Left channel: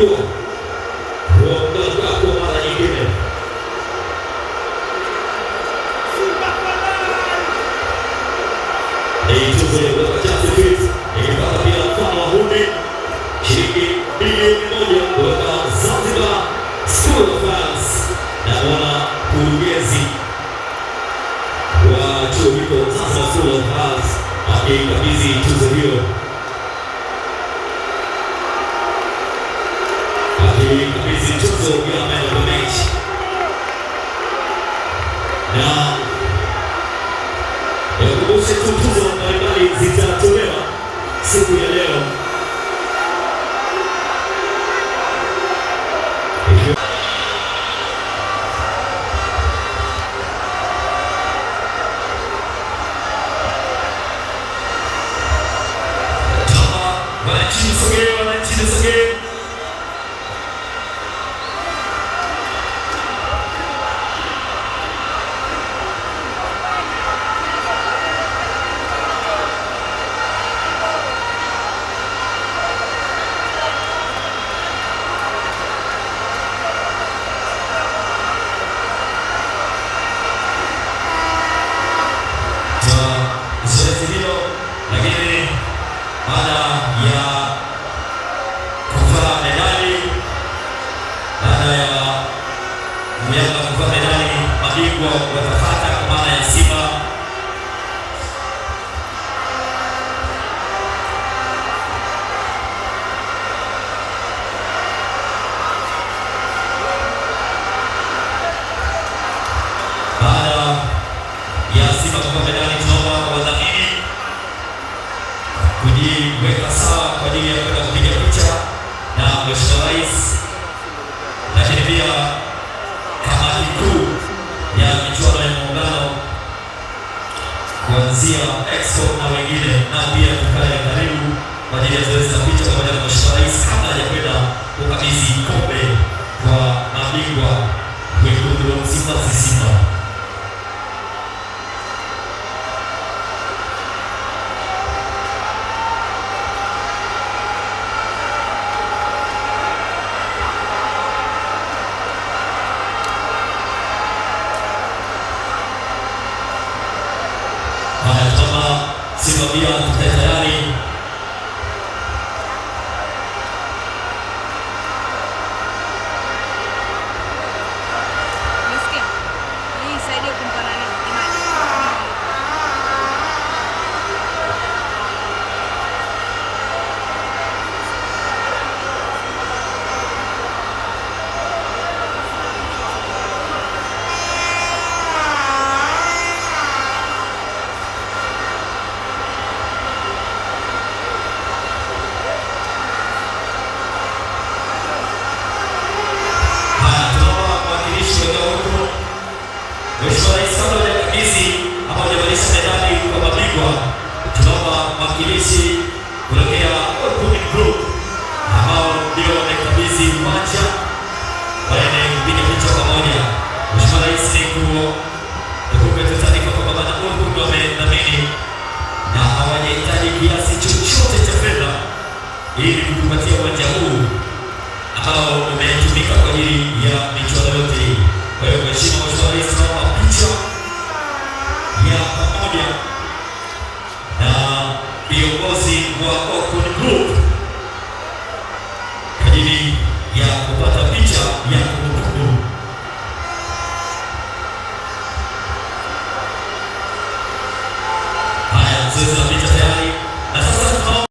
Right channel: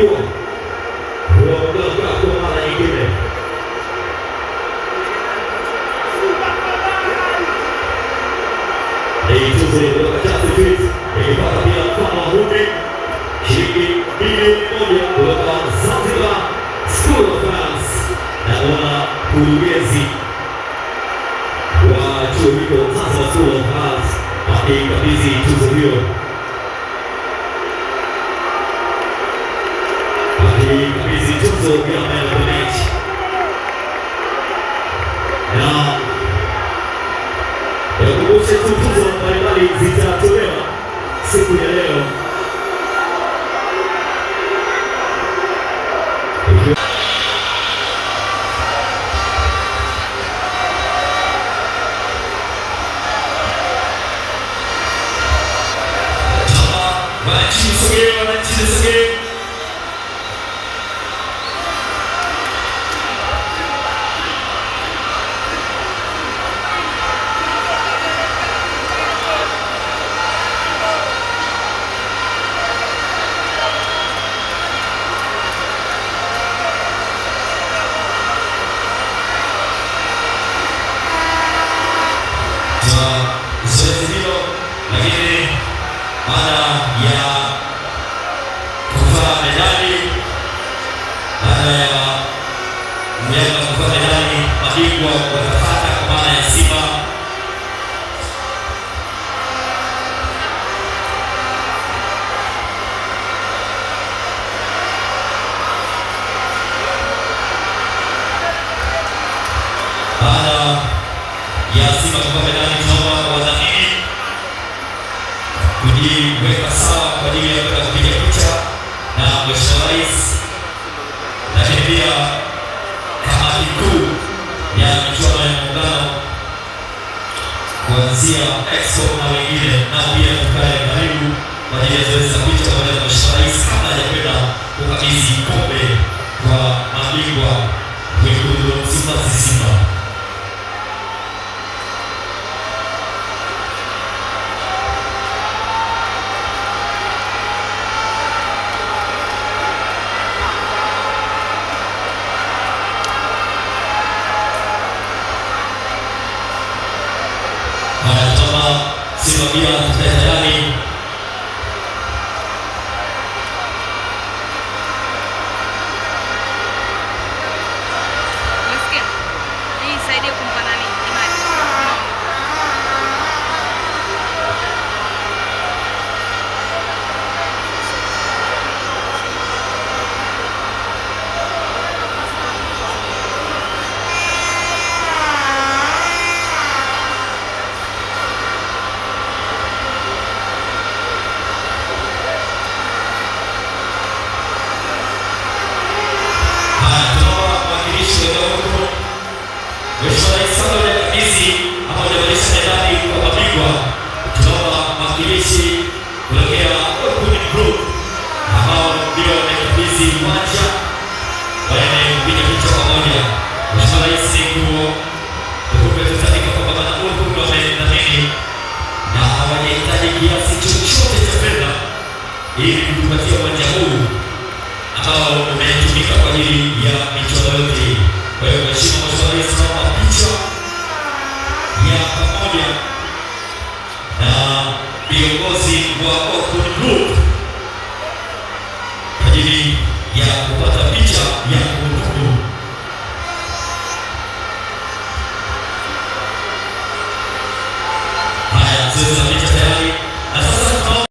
mabingwa kuondoka kwa mara nyingine. Tuzo ya Just Fit ikipata pia mfano wa Humbi shilingi bilioni 1 kutoka Zanzibar School of Finance na mwana kurugenzi wa chuo hicho Zanzibar School of Finance akikabidhi tuzo hiyo. Akikabidhi tuzo ya Man of the Match. Na yakumbushe tuzo mbalimbali zitatolewa siku ya leo. Zoezi hilo lakini baada ya kuvaa medali, baada ya mmoja kuvaa medali, mabingwa watapata kwa maana ya Simba kwa medali. Tunaomba wadhamini kujiweka sawa kwa ajili ya kwenda kupiga picha na Mheshimiwa Rais, lakini pia kamati kuu ya michuano ya Muungano kuanzia Expo na wengine, na pia tukae karibu kwa ajili ya zoezi la picha pamoja na Mheshimiwa Rais kabla hajakwenda kukabidhi kombe kwa mabingwa wekundu wa Msimbazi Simba. Kama Simba pia tukae tayari. Nasikia hii saidia kumpa nani imani. Tunaomba mwakilishi kuelekea Open Group ambao ndio wamekabidhi uwanja waende kupiga picha pamoja. Mheshimiwa Rais kumetutaka kwamba bana Open wamedhamini na hawajahitaji kiasi chochote cha fedha ili kupatia uwanja huu ambao umetumika kwa ajili ya